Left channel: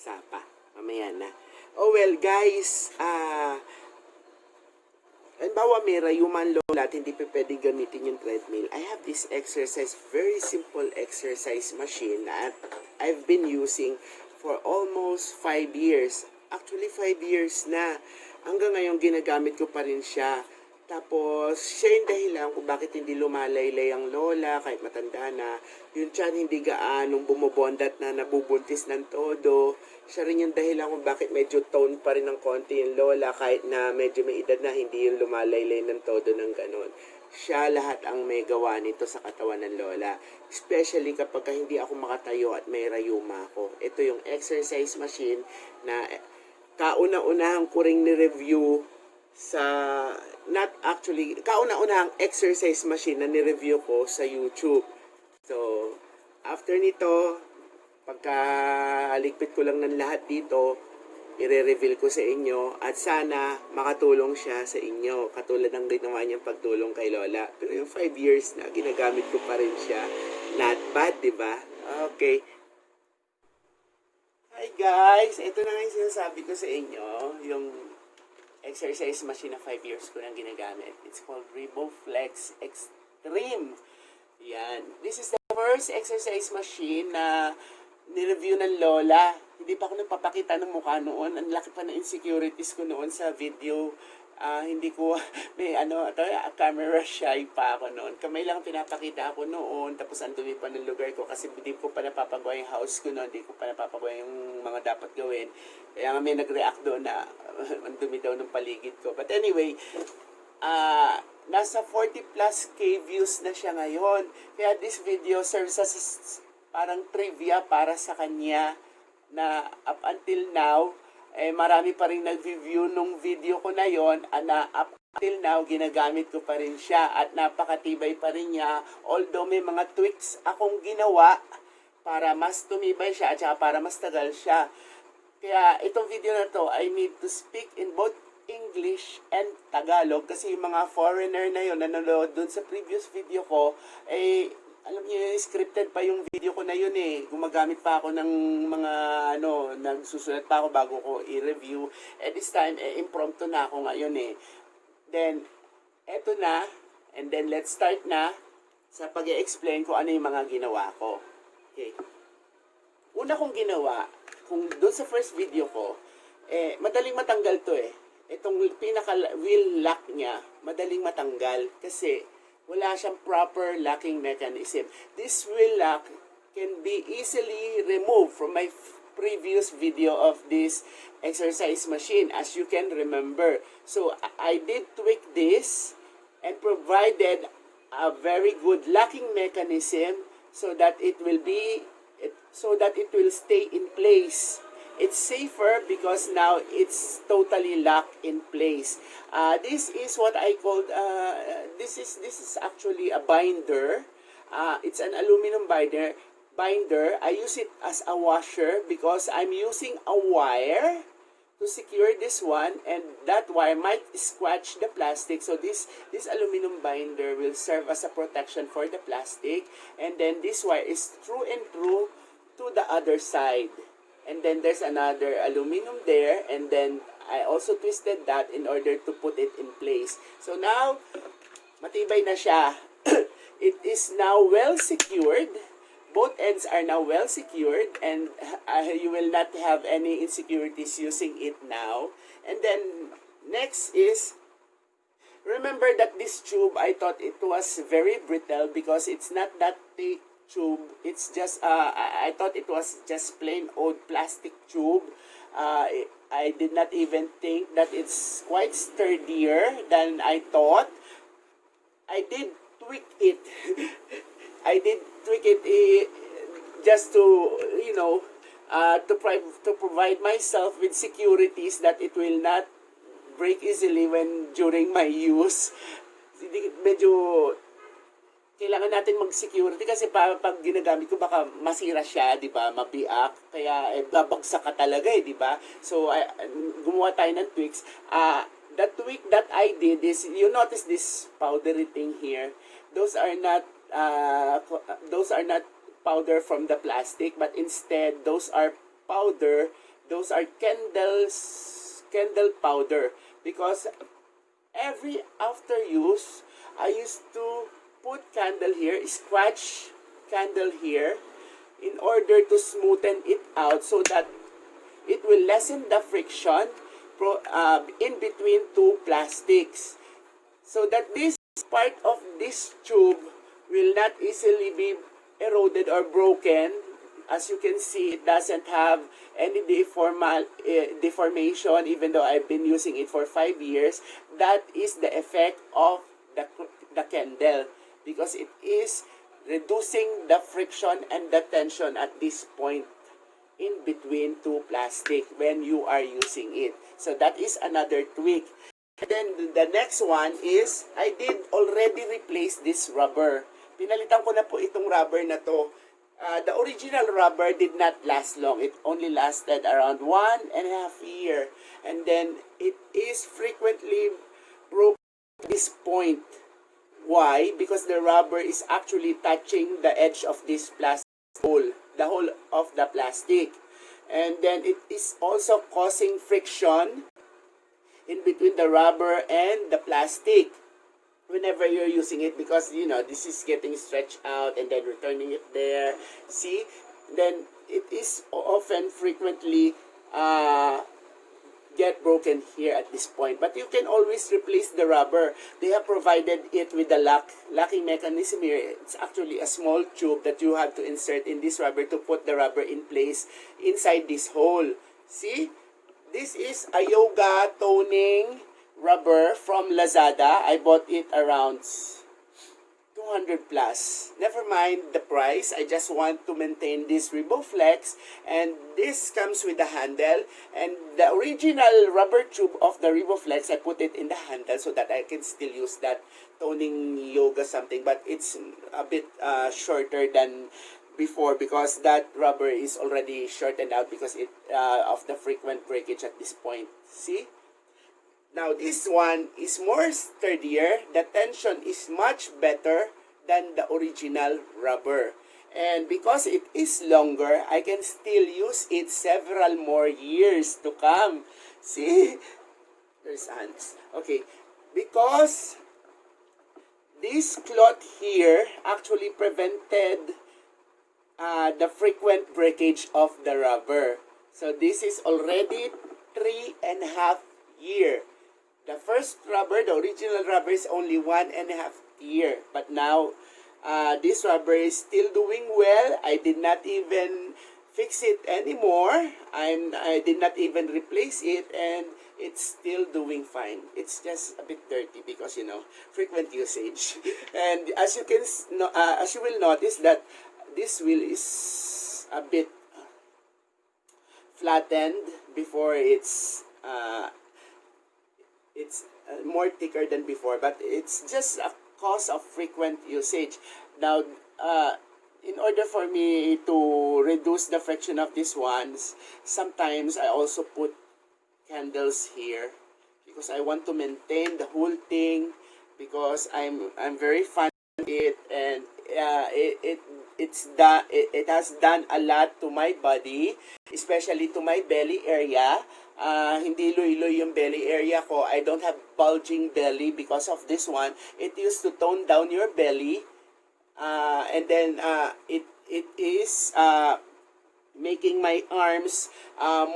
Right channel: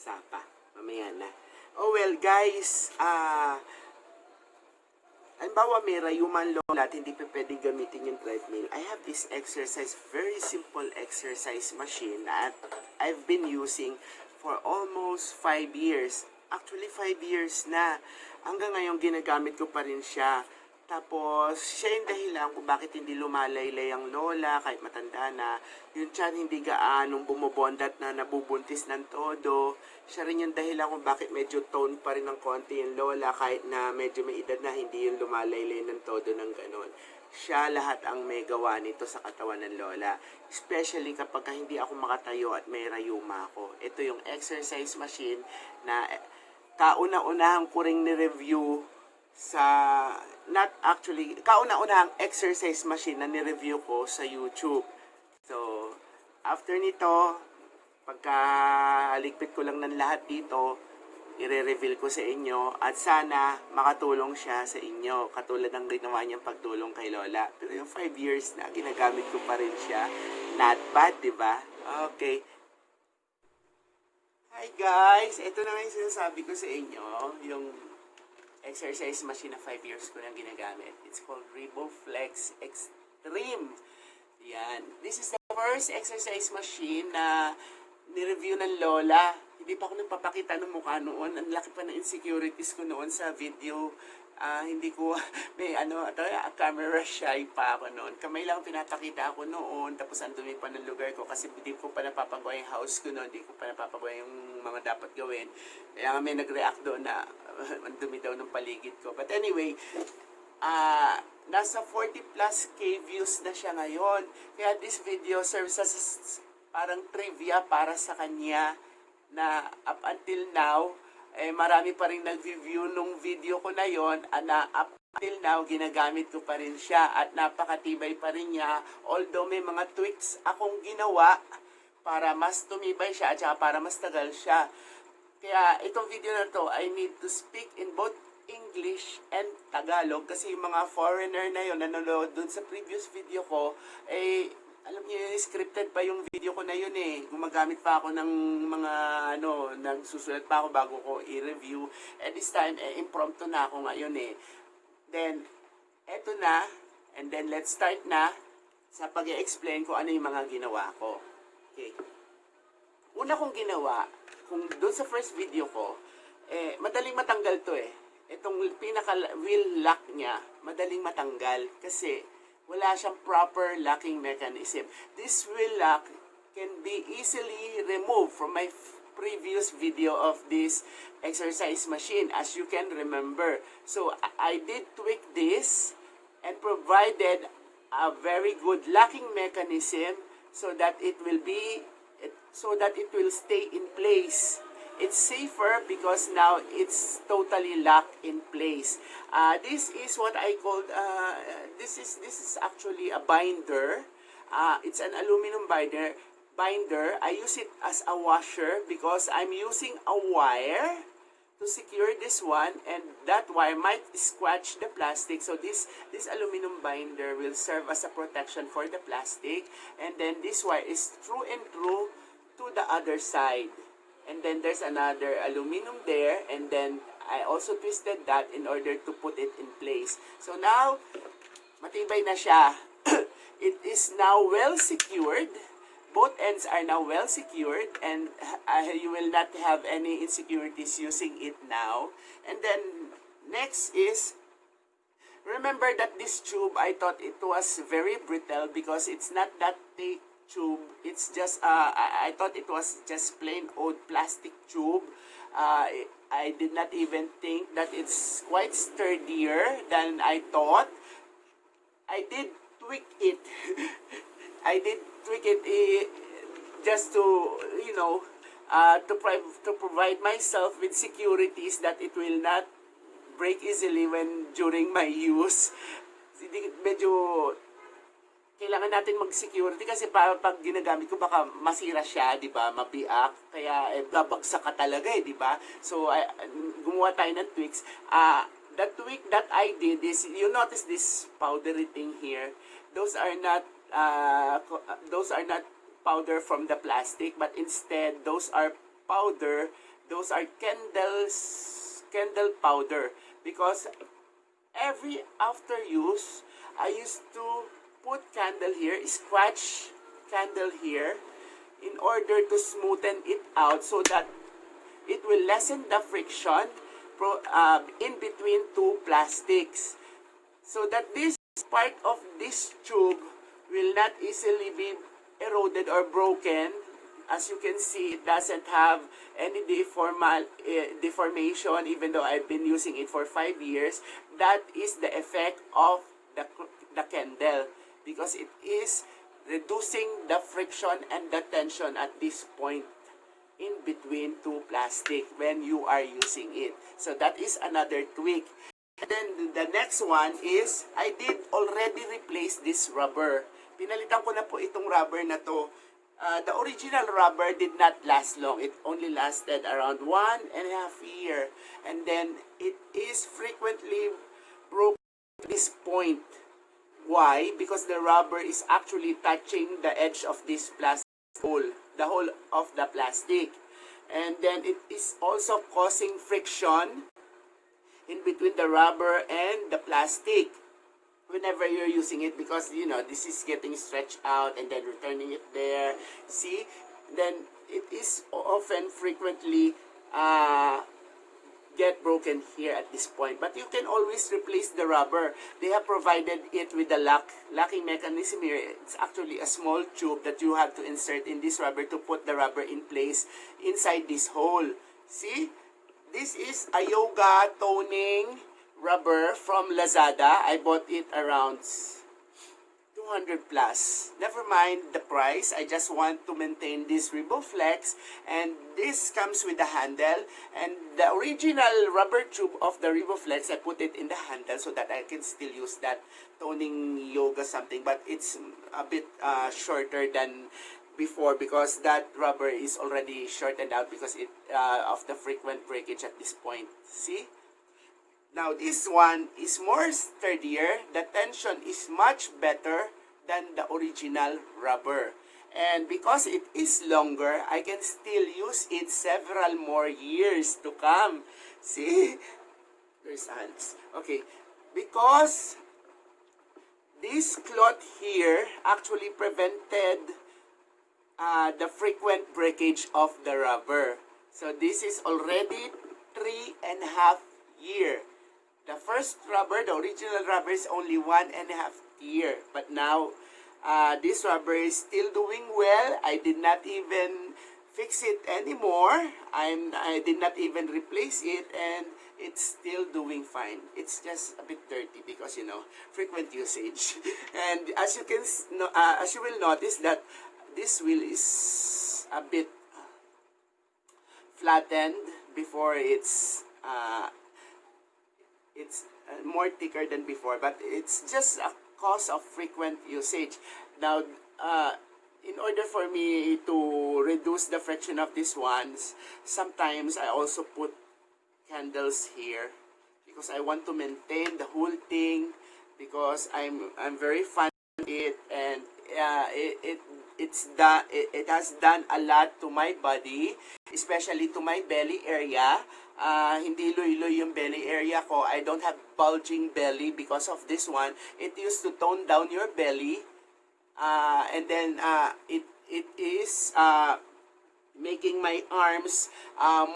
Sapa. Mamaya na. Oh well, guys, halimbawa may rayuman lola at hindi pa pwedeng gamitin yung treadmill. I have this exercise, very simple exercise machine that I've been using for almost 5 years. Actually, 5 years na. Hanggang ngayon, ginagamit ko pa rin siya. Tapos, siya yung dahilan kung bakit hindi lumalaylay ang lola kahit matanda na. Yung tiyan hindi gaanong bumobondat na nabubuntis ng todo. Siya rin yung dahilan kung bakit medyo tone pa rin ng konti yung lola kahit na medyo may edad na hindi yung lumalaylay ng todo ng ganon. Siya lahat ang may gawa nito sa katawan ng lola. Especially kapag hindi ako makatayo at may rayuma ako. Ito yung exercise machine na kauna-unahan ko ring ni-review sa, not actually, kauna-unahang exercise machine na ni-review ko sa YouTube. So, after nito, pagka ligpit ko lang ng lahat dito, i-reveal ko sa inyo at sana makatulong siya sa inyo. Katulad ng ginawa niyang pagtulong kay Lola. Pero yung 5 years na, ginagamit ko pa rin siya. Not bad, di ba? Okay. Hi guys! Ito na nga yung sinasabi ko sa inyo. Yung exercise machine na 5 years ko nang ginagamit. It's called Revoflex Xtreme. Yan. This is the first exercise machine na ni-review ng Lola. Hindi pa ako nagpapakita ng mukha noon. Ang laki pa ng insecurities ko noon sa video. Hindi ko, may camera shy pa ako noon. Kamay lang pinapakita ako noon. Tapos ang dumi pa ng lugar ko kasi hindi ko pa napapagawa yung house ko noon. Hindi ko pa napapagawa yung mga dapat gawin. Kaya nga may nag-react doon na ang dumi daw ng paligid ko. But anyway, nasa 40 plus K views na siya ngayon. Kaya this video serves as parang trivia para sa kanya na up until now, marami pa rin nag-review nung video ko na yon, na up until now, ginagamit ko pa rin siya at napakatibay pa rin niya. Although may mga tweaks akong ginawa para mas tumibay siya at saka para mas tagal siya. Kaya itong video na to, I need to speak in both English and Tagalog kasi yung mga foreigner na yon nanonood dun sa previous video ko, alam niyo, scripted pa yung video ko na yun eh. Gumagamit pa ako ng mga, nagsusulat pa ako bago ko i-review. At this time, impromptu na ako ngayon eh. Then, eto na. And then, let's start na sa pag-i-explain ko ano yung mga ginawa ko. Okay. Una kong ginawa, kung doon sa first video ko, madaling matanggal to eh. Itong pinaka-wheel lock niya, madaling matanggal kasi wala siyang proper locking mechanism. This wheel lock can be easily removed from my previous video of this exercise machine, as you can remember. So, I did tweak this and provided a very good locking mechanism so that it will stay in place. It's safer because now it's totally locked in place. This is what I called, this is actually a binder. It's an aluminum binder. I use it as a washer because I'm using a wire to secure this one, and that wire might scratch the plastic. So this aluminum binder will serve as a protection for the plastic, and then this wire is through and through to the other side. And then there's another aluminum there, and then I also twisted that in order to put it in place. So now, matibay na siya. It is now well secured. Both ends are now well secured, and you will not have any insecurities using it now. And then, next is, remember that this tube, I thought it was very brittle because it's not that thick tube. It's just I thought it was just plain old plastic tube. I did not even think that it's quite sturdier than I thought. I did tweak it. Just to to provide myself with securities that it will not break easily during my use. Medyo kailangan natin mag-security kasi pag ginagamit ko baka masira siya, di ba? Mabiak, kaya babagsak ka talaga di ba? So gumawa tayo ng tweaks. The tweak that I did is, you notice this powdery thing here. Those are not powder from the plastic, but instead those are powder those are candle powder, because every after use, I used to put candle here, scratch candle here, in order to smoothen it out so that it will lessen the friction in between two plastics, so that this part of this tube will not easily be eroded or broken. As you can see, it doesn't have any deformation, even though I've been using it for 5 years. That is the effect of the candle, because it is reducing the friction and the tension at this point in between two plastic when you are using it. So that is another tweak. And then the next one is, I did already replace this rubber. Pinalitan ko na po itong rubber na to. The original rubber did not last long. It only lasted around 1.5 years. And then it is frequently broken at this point. Why? Because the rubber is actually touching the edge of this plastic hole, the whole of the plastic. And then it is also causing friction in between the rubber and the plastic whenever you're using it, because this is getting stretched out and then returning it there. See, then it is often frequently get broken here at this point. But you can always replace the rubber. They have provided it with the locking mechanism here. It's actually a small tube that you have to insert in this rubber to put the rubber in place inside this hole. See, this is a yoga toning rubber from Lazada. I bought it around 200 plus. Never mind the price. I just want to maintain this Revoflex, and this comes with the handle, and the original rubber tube of the Revoflex, I put it in the handle so that I can still use that toning yoga something, but it's a bit shorter than before, because that rubber is already shortened out because of the frequent breakage at this point. See? Now, this one is more sturdier. The tension is much better than the original rubber. And because it is longer, I can still use it several more years to come. See? There's ants. Okay. Because this cloth here actually prevented the frequent breakage of the rubber. So, this is already 3.5 years. The first rubber, the original rubber, is only 1.5 years. But now, this rubber is still doing well. I did not even fix it anymore. I did not even replace it, and it's still doing fine. It's just a bit dirty because, frequent usage. And as you will notice that this wheel is a bit flattened before it's more thicker than before, but it's just a cause of frequent usage. Now, in order for me to reduce the friction of these ones, sometimes I also put candles here because I want to maintain the whole thing, because I'm very fond of it, and it has done a lot to my body, especially to my belly area. Hindi loy-loy yung belly area ko. I don't have bulging belly because of this one. It used to tone down your belly, and then it is making my arms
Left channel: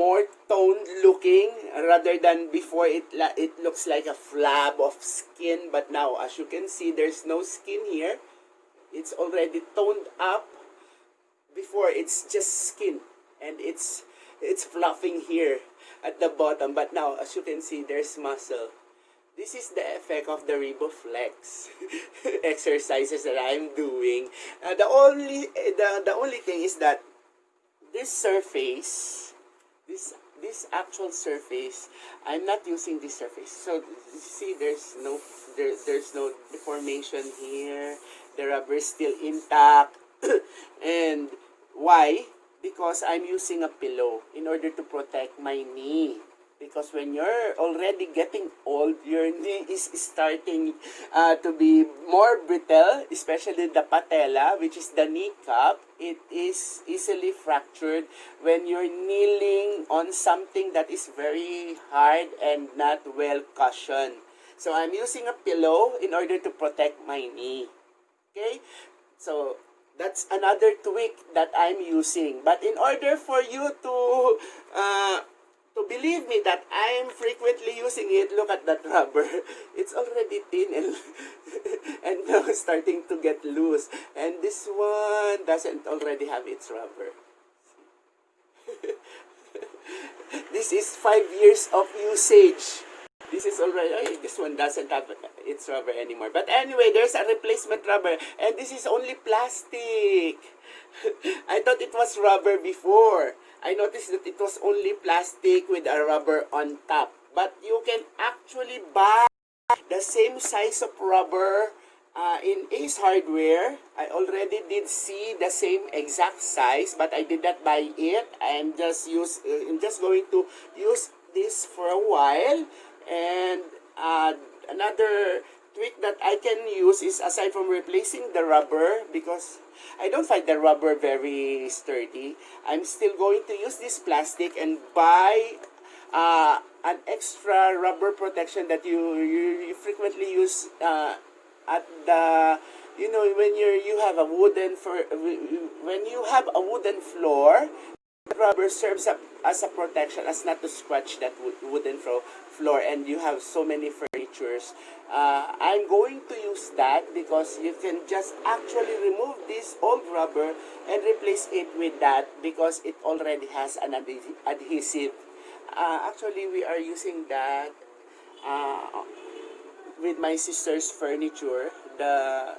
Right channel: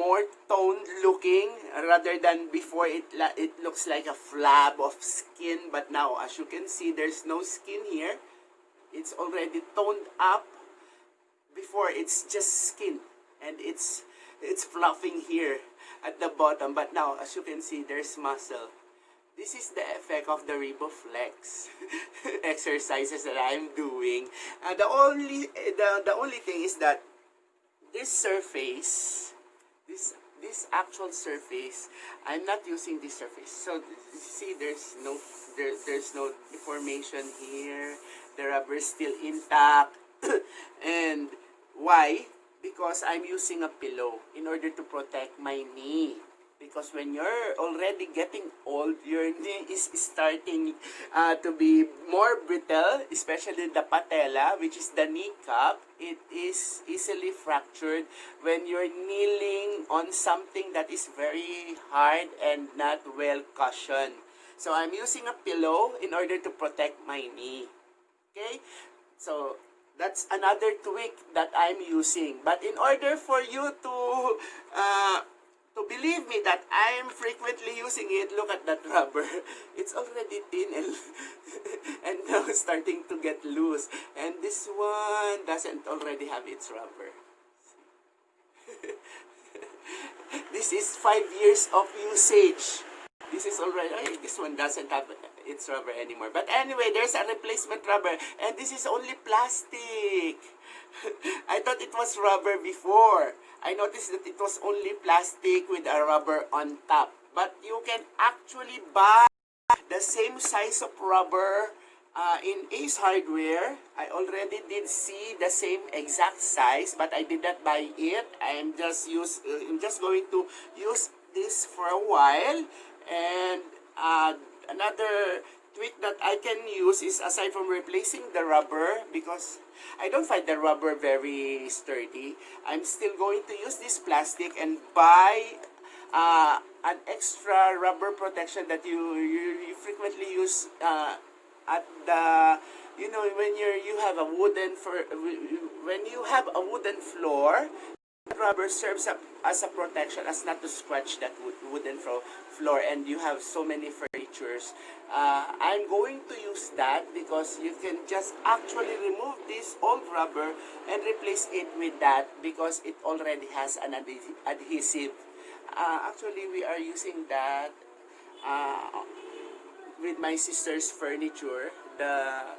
more toned looking, rather than before it looks like a flab of skin. But now, as you can see, there's no skin here. It's already toned up. Before, it's just skin, and it's fluffing here at the bottom. But now, as you can see, there's muscle. This is the effect of the Revoflex exercises that I'm doing. The only thing is that this surface, this actual surface, I'm not using this surface. So see, there's no deformation here. The rubber is still intact. And why? Because I'm using a pillow in order to protect my knee. Because when you're already getting old, your knee is starting to be more brittle, especially the patella, which is the kneecap. It is easily fractured when you're kneeling on something that is very hard and not well cushioned. So I'm using a pillow in order to protect my knee. Okay? So that's another tweak that I'm using. But in order for you to believe me that I'm frequently using it, look at that rubber. It's already thin and, and now starting to get loose. And this one doesn't already have its rubber. This is 5 years of usage. This is already, this one doesn't have its rubber anymore. But anyway, there's a replacement rubber. And this is only plastic. I thought it was rubber before. I noticed that it was only plastic with a rubber on top. But you can actually buy the same size of rubber in Ace Hardware. I already did see the same exact size, but I did not buy it. I'm just going to use this for a while. And another tweak that I can use is, aside from replacing the rubber, because I don't find the rubber very sturdy, I'm still going to use this plastic and buy an extra rubber protection that you frequently use at the, you know, when you have a wooden floor. Rubber serves up as a protection, as not to scratch that wooden floor, and you have so many furnitures. I'm going to use that because you can just actually remove this old rubber and replace it with that because it already has an adhesive. Actually, we are using that with my sister's furniture. The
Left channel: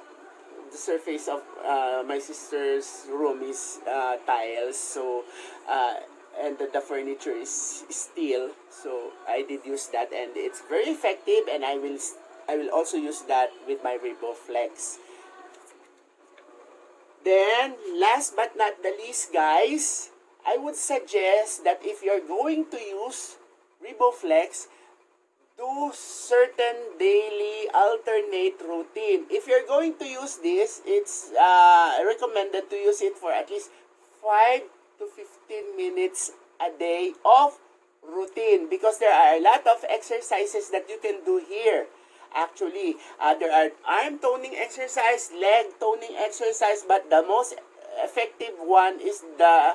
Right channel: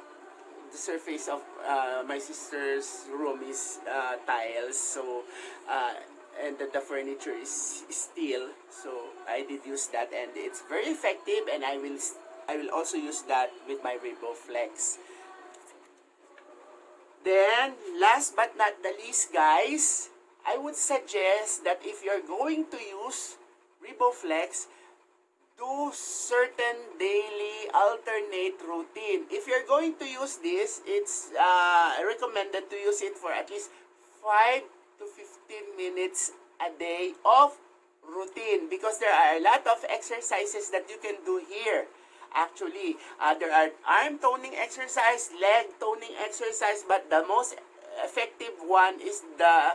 surface of my sister's room is tiles, so and the furniture is steel, so I did use that, and it's very effective, and I will also use that with my Revoflex. Then last but not the least, guys, I would suggest that if you're going to use Revoflex, do certain daily alternate routine. If you're going to use this, it's recommended to use it for at least 5 to 15 minutes a day of routine, because there are a lot of exercises that you can do here. Actually, there are arm toning exercise, leg toning exercise, but the most effective one is the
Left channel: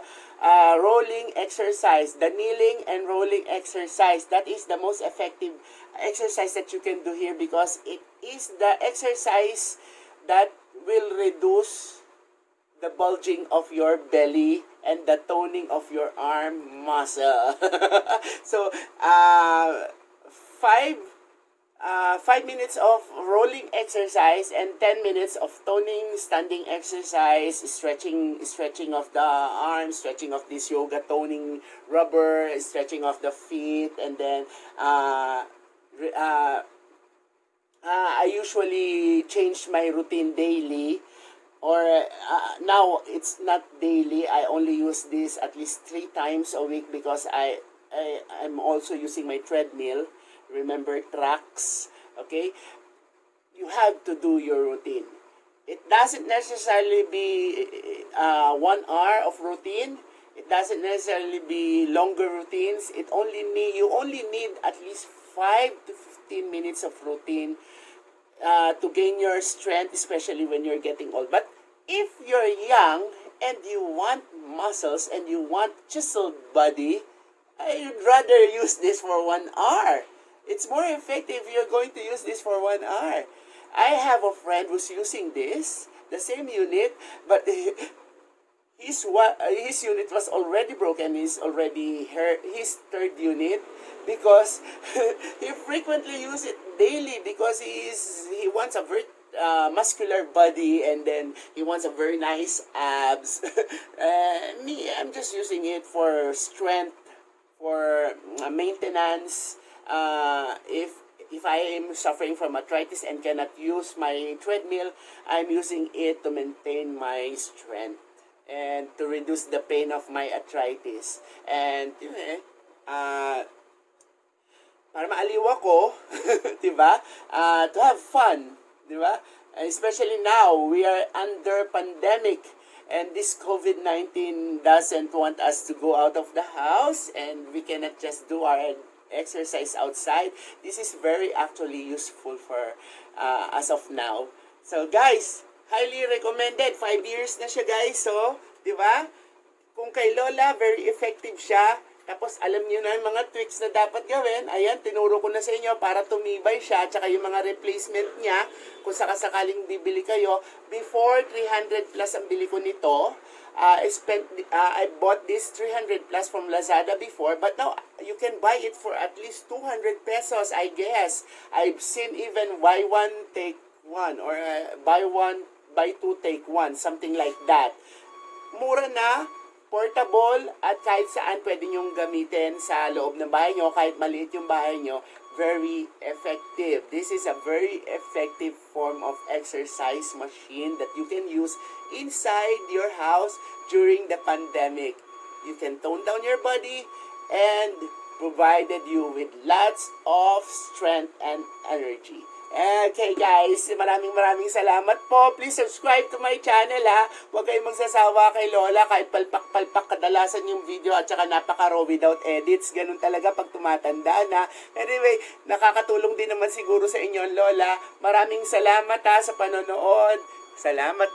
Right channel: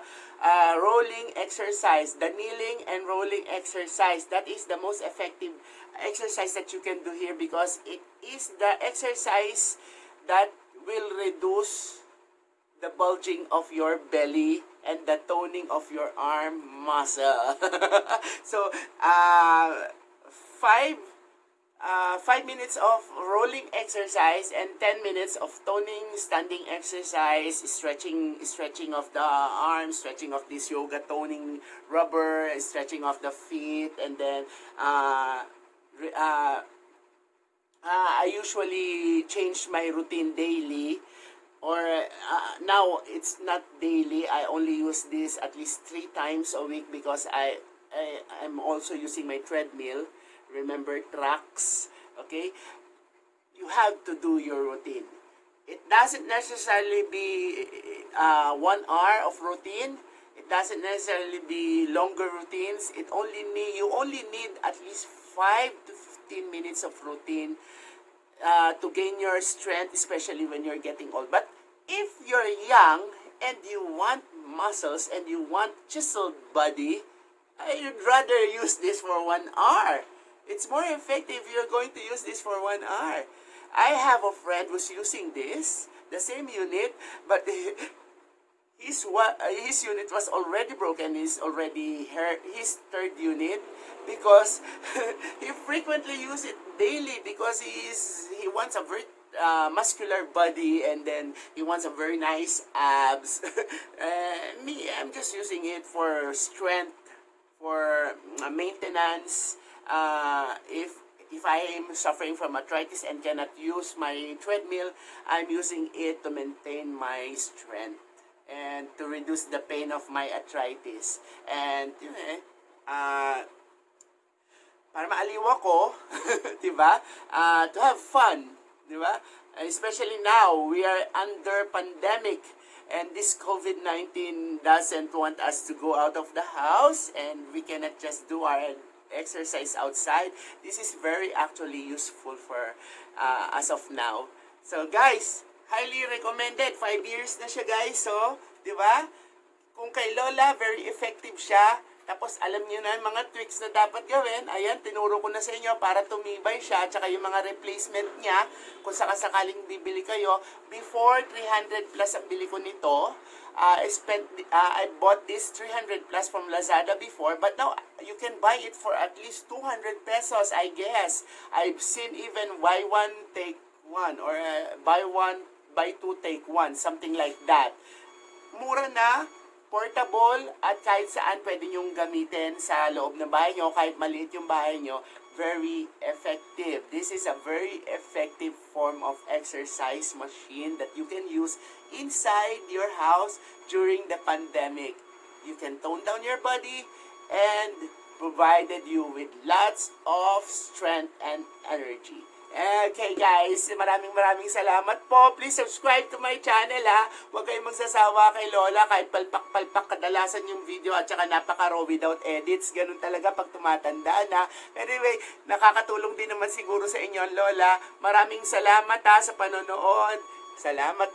rolling exercise, the kneeling and rolling exercise. That is the most effective exercise that you can do here, because it is the exercise that will reduce the bulging of your belly and the toning of your arm muscle. So, 5 minutes of rolling exercise and 10 minutes of toning, standing exercise, stretching of the arms, stretching of this yoga toning rubber, stretching of the feet, and then I usually change my routine daily, or now it's not daily. I only use this at least 3 times a week because I'm also using my treadmill. Remember, tracks, okay? You have to do your routine. It doesn't necessarily be 1 hour of routine. It doesn't necessarily be longer routines. You only need at least 5 to 15 minutes of routine to gain your strength, especially when you're getting old. But if you're young and you want muscles and you want chiseled body, I'd rather use this for 1 hour. It's more effective if you're going to use this for 1 hour. I have a friend who's using this, the same unit, but his unit was already broken. He's already his 3rd unit, because he frequently uses it daily, because he wants a very muscular body, and then he wants a very nice abs. Me, I'm just using it for strength, for maintenance. If I am suffering from arthritis and cannot use my treadmill, I'm using it to maintain my strength and to reduce the pain of my arthritis. And para maaliw ako, di ba? To have fun, di ba? Especially now, we are under pandemic, and this COVID-19 doesn't want us to go out of the house, and we cannot just do our exercise outside. This is very actually useful for as of now. So guys, highly recommended. 5 years na siya guys, so, di ba? Kung kay Lola, very effective siya. Tapos alam niyo na yung mga tweaks na dapat gawin. Ayan, tinuro ko na sa inyo para tumibay siya. Tsaka yung mga replacement niya, kung sakasakaling bibili kayo. Before, 300 plus ang bili ko nito. I bought this 300 plus from Lazada before. But now, you can buy it for at least 200 pesos, I guess. I've seen even buy one, take one. Or buy one, buy two, take one. Something like that. Mura na, portable, at kahit saan pwede nyong gamitin sa loob ng bahay nyo, kahit maliit yung bahay nyo, very effective. This is a very effective form of exercise machine that you can use inside your house during the pandemic. You can tone down your body and provided you with lots of strength and energy. Okay guys, maraming salamat po. Please subscribe to my channel ha. Huwag kayong magsasawa kay Lola kahit palpak-palpak kadalasan yung video at saka napaka-raw without edits. Ganun talaga pag tumatanda na. Anyway, nakakatulong din naman siguro sa inyo Lola. Maraming salamat ha sa panonood. Salamat.